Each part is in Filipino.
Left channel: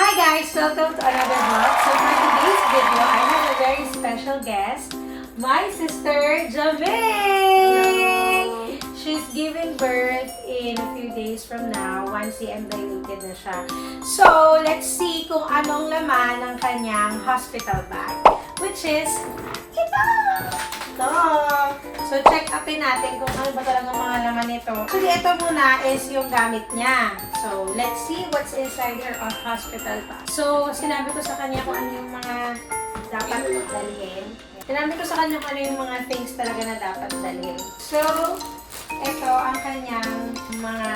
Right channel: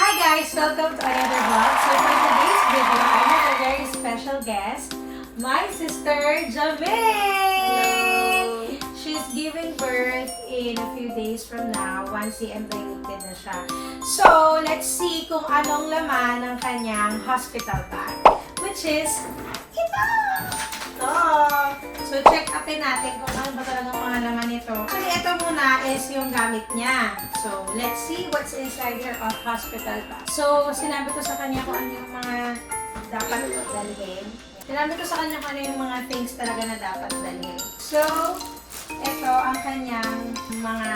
Hi guys! Welcome to another vlog. So for today's video, I have a very special guest, my sister, Janelle! She's giving birth in a few days from now, once i-embryonated na siya. So, let's see kung anong laman ng kanyang hospital bag, which is ito! So, check upin natin kung ano ba talagang mga laman nito. Actually, ito muna is yung gamit niya. So, let's see what's inside her hospital bag. So, sinabi ko sa kanya kung ano yung mga dapat dalhin. Sinabi ko sa kanya kung ano yung mga things talaga na dapat dalhin. So, ito ang kanyang mga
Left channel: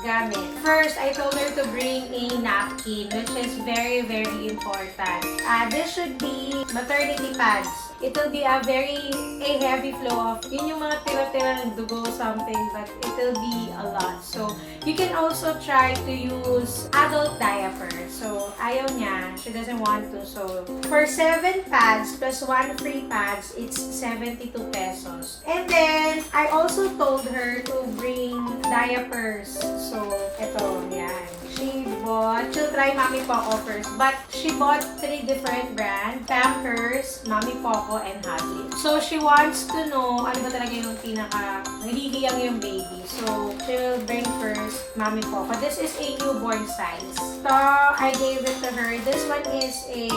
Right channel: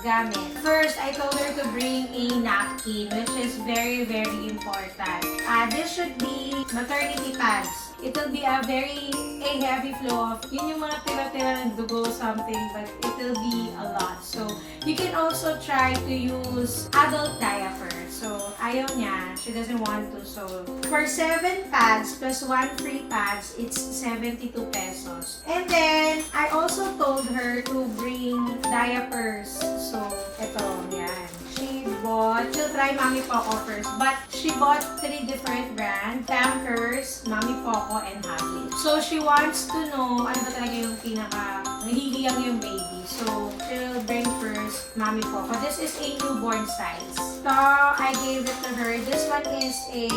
gamit. First, I told her to bring a napkin, which is very, very important. This should be maternity pads. It will be a heavy flow of, yun yung mga tira-tira ng dugo something, but it will be a lot. So, you can also try to use adult diaper. So, ayaw niya. She doesn't want to. So, for 7 pads plus 1 free pads, it's 72 pesos. And then, I also told her to bring diapers. So, ito, yan. She'll try Mommy Poco first, but she bought 3 different brands, Pampers, Mommy Poco, and TAGLISH. So, she wants to know ano ba talaga yung nahihiyang yung baby. So, she will bring first Mommy Poco. This is a newborn size. So, I gave it to her. This one is a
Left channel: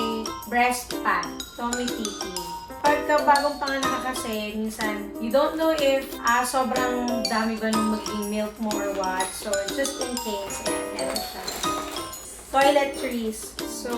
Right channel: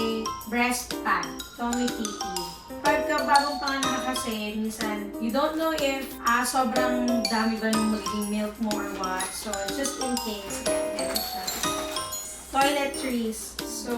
breast pad. Tommy Titi. Pagka bagong panganak kasi, minsan, you don't know if sobrang dami ba nung magiging milk mo or what. So, just in case, meron siya. Toiletries. So,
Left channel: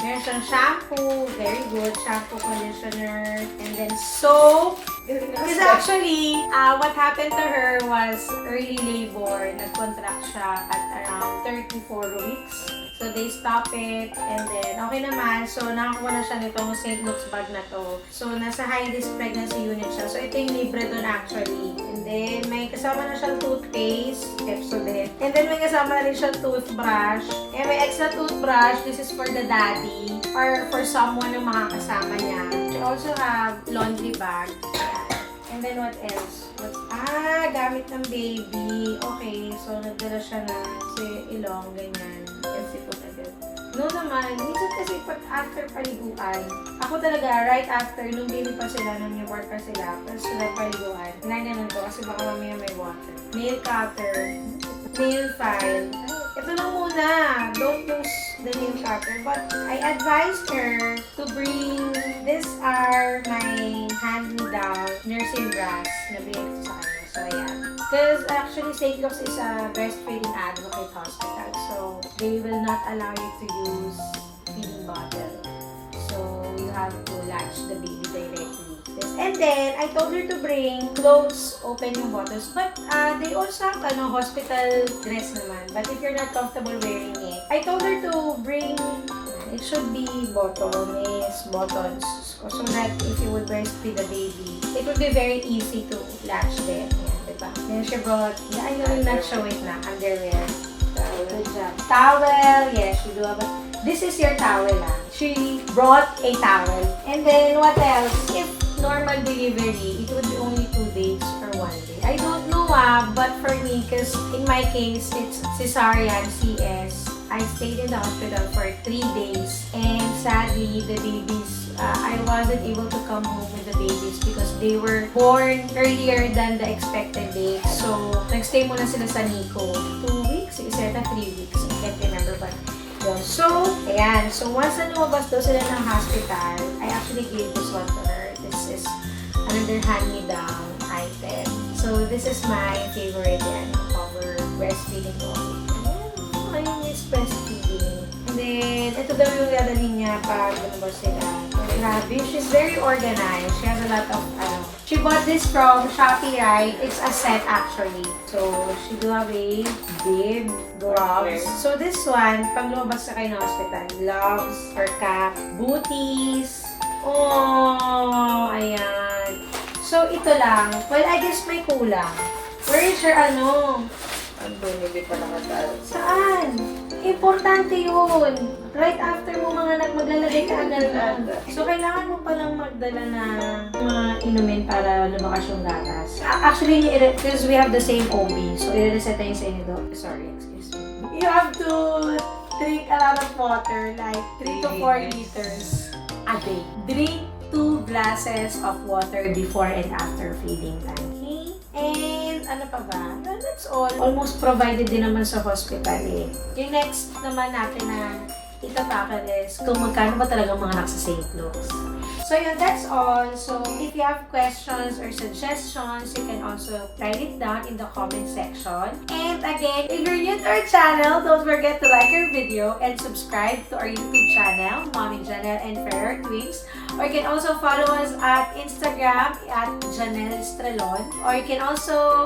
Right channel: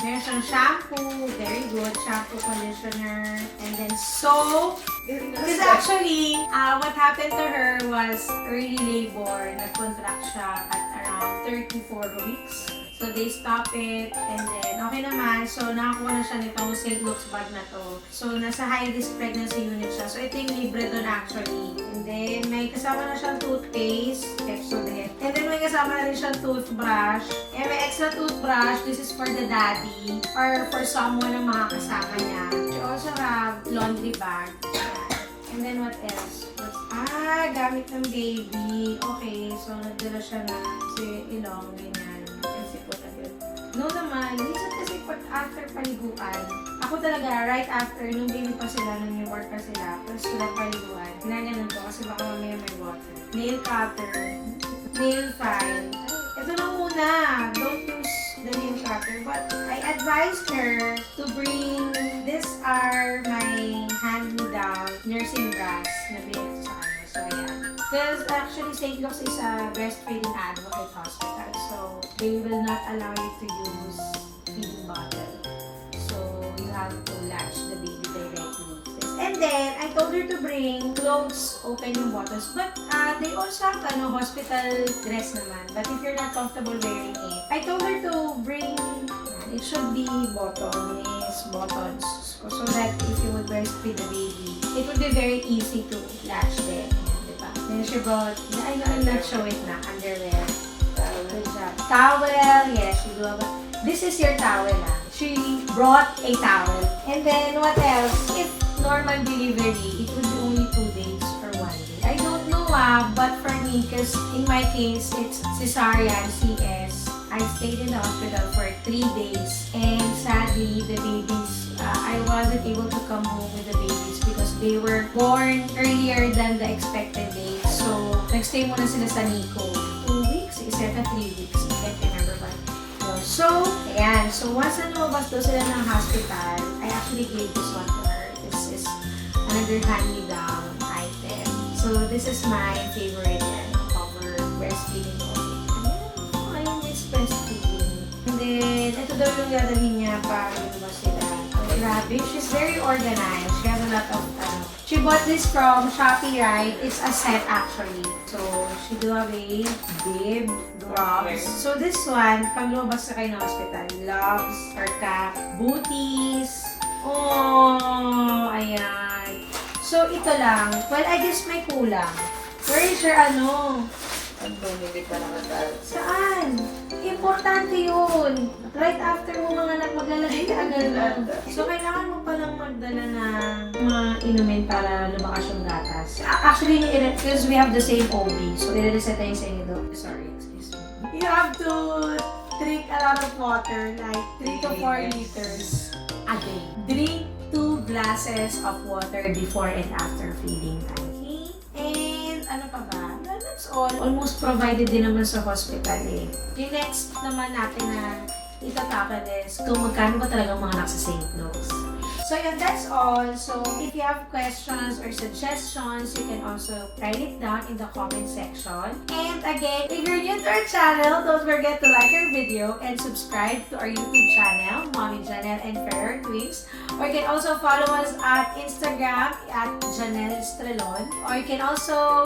meron siyang shampoo, very good, shampoo, conditioner, and then soap. Because actually, what happened to her was early labor. Nag-contract siya at around 34 weeks. So, they stop it, and then, okay naman. So, nakakuha na siya nitong St. Luke's bag na to. So, nasa high-risk pregnancy unit siya. So, ito yung libre doon actually. And then, may kasama na siyang toothpaste, Pepsodent. And then, may kasama na rin siyang toothbrush. And may extra toothbrush. This is for the daddy or for someone na makakasama niya. We also have laundry bag. And then, what else? Gamit ng baby. Okay, so, nagdala siya na si ilong, ganyan. No naman, minsan kasi pag after paliguan, ako talaga, right after, nung baby pa sila, nung newborn pa sila, tapos sila paliguan, ganyan to kasi baka mamaya may water. Nail cutter, nail file. Ito lang muna, don't use the nail cutter. But I advised her to bring, these are my hand-me-down nursing bras na binigay ko sa kanya. So, ayan. Because actually, St. Luke's is a breastfeeding advocate hospital. So, they will not allow you to use feeding bottle. So, you have to latch the baby directly. And then, I told her to bring clothes, open yung bottles. But, they also have hospital dress naman. But if you're not comfortable wearing it, I told her to bring, it should be buttons. So that if you will breastfeed the baby, it will be very easy to latch them. Diba? Then she brought, I will not show it na, underwear. Good job. Towel, yes, you do have a, this is your towel She brought a towel. And then, what else? If normal delivery, it would be only 2 days for 1 day. I don't know but for me, because in my case, it's cesarean, CS. I stayed in the hospital for 3 days. And sadly, the babies, I wasn't able to come home with the babies because they were born earlier than the expected date. So, nagstay muna sila sa NICU. 2 weeks? Is it 3 weeks? I can't remember but so, ayan. So, once na lumabas daw sila ng hospital, I actually gave this one to her. This is another hand-me-down item. So, this is my favorite cover breastfeeding oil. I miss breastfeeding. And then, ito daw yung dadalhin niya pag lumabas sila. Grabe, she's very organized. She has a lot of, she bought this from Shopee, right? It's a set actually. So, she do have a bib, gloves. So, this one, pag lumabas ka kayo ng hospital, gloves, or cap, booties. Oh, ayan. So, ito lang. Well, I guess may kulang. Where is your Hindi pa naman tayo. Saan? Importante yun. Right after mo maglalagay ka agad. So, kailangan mo palang magdala na mga inumin para lumakas yung gatas. Actually, because we have the same OB. So, i-reset tayo sa inyo. Sorry, excuse me. You have to drink a lot of water, like 3 to 4 liters a day. Drink 2 glasses of water before and after feeding time. Okay? And ano pa ba? No, that's all. Almost provided din naman sa hospital eh. Yung next naman natin na itatakal is kung magkano ba talagang mga anak sa St. Luke's. So yun, that's all. So if you have questions or suggestions, you can also write it down in the comment section. And again, if you're new to our channel, don't forget to like our video and subscribe to our YouTube channel, Mommy Janelle and Ferrer Twins. Or you can also follow us at Instagram at Janelle Estrelon. Or you can also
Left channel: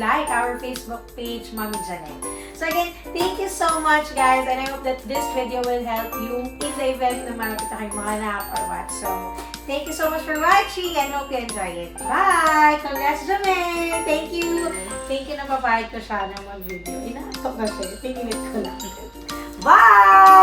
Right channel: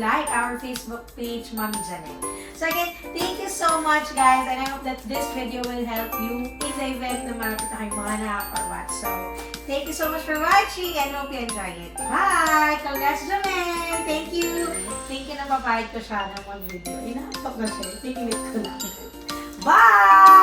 like our Facebook page, Mommy Janelle. So again, thank you so much guys, and I hope that this video will help you in the event na malapit na kayong mga anak or what. So, thank you so much for watching and hope you enjoy it. Bye! Congrats, Janelle! Thank you! Thank you na papayag ko siya na mag-video. Inaasok na siya. Pinilit ko lang. Bye!